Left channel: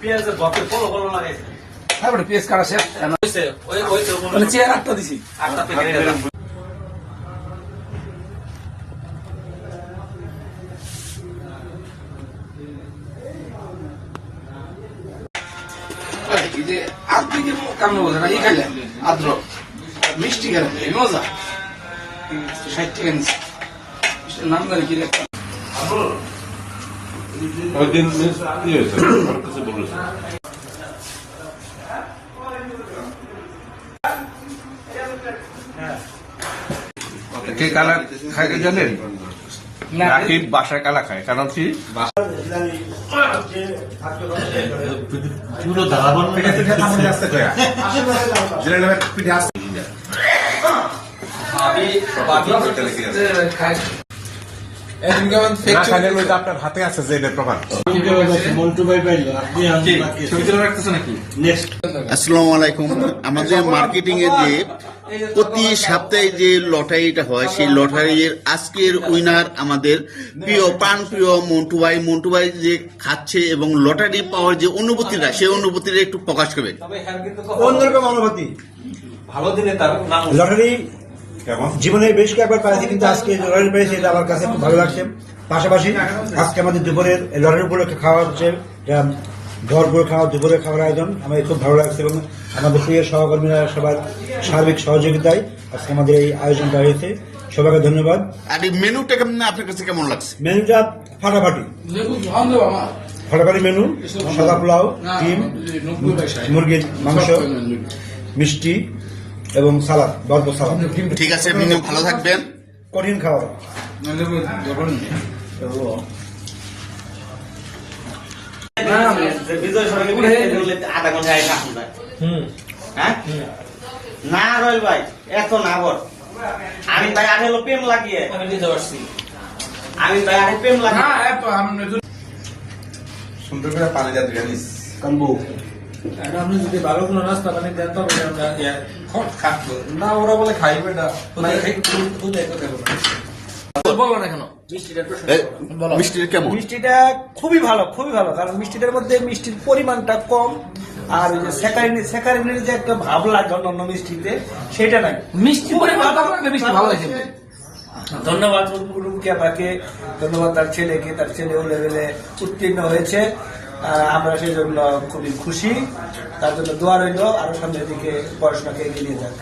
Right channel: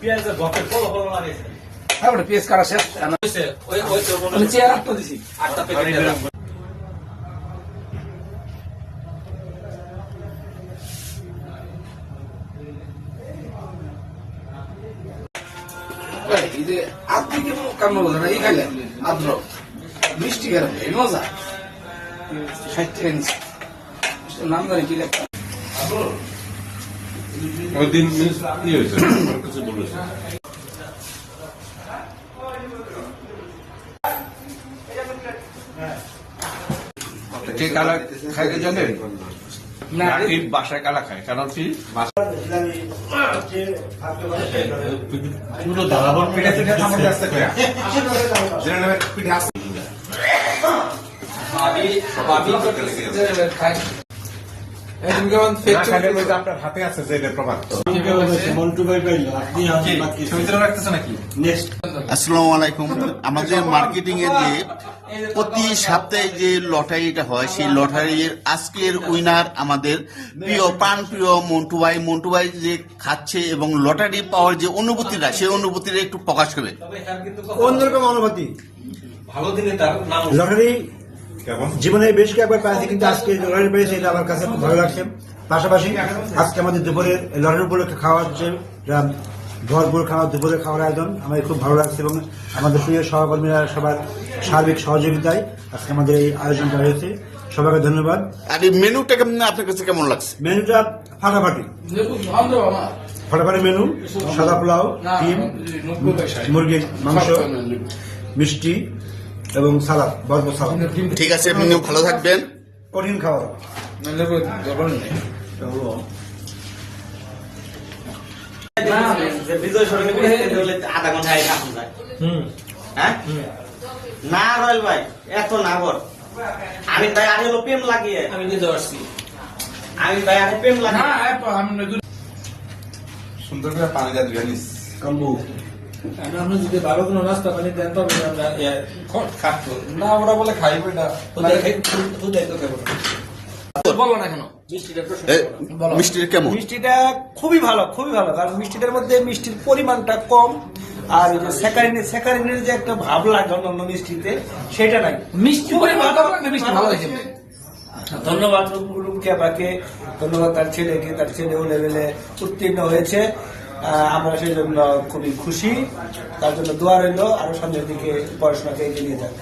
পেঁয়াজের বকের follow follow লাগাইছে। তারপরে পেঁয়াজ কাটা শেষ মানে চেয়ার 8টা দিছি 8টা প্যাকেট দিলাম। আপনি কি কামড় বোঝেন না? ই খেলেন আদ্র মিষ্টি খেলেন এই মজা 60 টাকা নিচ্ছে নাম জানি কি রে কে কালা খায় জানেন? নাকি বাসায় কালা খায়, কারণ কি আপনার হাতে আছে যে এটা প্রমাণ। আসসালামু আলাইকুম। আমাদের মার্কেটিং এর যে প্রতি সপ্তাহে যে লটারিটা হয় সেই লটারির আজকের উইনার আমাদের প্রিয় মন্টু ভাই যে খাচ্ছে এবং লটারি পাওয়ার যে অনুভূতিটা সেই অনুভূতিটা একটু প্রকাশ করবেন। অন্যরকম অনুভূতি। ভালো দিনে তার নাম লটারি জীবনে বেশ কয়েকবার পেয়েছি, কিন্তু আজকে লটারি পেয়েছি এটা আমার কাছে খুব ভালো লাগছে। পাশাপাশি আজকে আমাদের দুপুরের লটারি উপলক্ষে খাওয়া হচ্ছে, ভরপুর খাওয়া দুপুরে খাওয়ার আয়োজন আমাদের খুব ভালো লাগছে এবং আমাদের প্রিয় সহকর্মীরা সবার সার্বিক সহযোগিতায় আজকে আমাদের এই আয়োজনটা হয়েছে। সবাইকে ধন্যবাদ। আর এই মেনুটা আপনার কাছে কেমন লাগছে? মেনুটা ফাটাফাটি মেনু, সাদা পোলাও, ডিম, মুরগির মাংস, মিষ্টি এবং সালাদ, ভরপুর সালাদ। ঠিক আছে, মেনু ভালো থাকবেন। কঠিন খাওয়া। আধা ঘন্টা না রয়েল ভাই, এত না বল। আমি ভাই আগে প্রেম লাগিয়ে আমি দিতে পারছি। আমি ভাই আগে প্রেম লাগিয়ে সুন্দর করে পানি যা দিয়ে নিস কাম্বু। আপনি যদি ভালো কোনো নাস্তা পানি দেন তো খাবো না, ওরা বলে খাইবে না বলো না কেন। মিষ্টিটা কেমন? মিষ্টিটা খুবই ভালো, কারণ মিষ্টিটার মধ্যে মিষ্টির পরিমাণটা কম, আর স্যাকারিনের যে একটা ভাব লাগে অন্য মিষ্টিতে সেটা নাই। মিষ্টি পরিমাণটা মিষ্টি ভালো হয়েছে। ধন্যবাদ রুমকি আপাকে, ধন্যবাদ তার ছেলেকে, তার ছেলে ও লেভেলে উত্তীর্ণ হয়েছে। আমরা সেই জন্য খুবই খুশি, তার জন্য দোয়া রইল, আরো সামনের দিকে পড়াশোনাকে এগিয়ে নিয়ে যাক।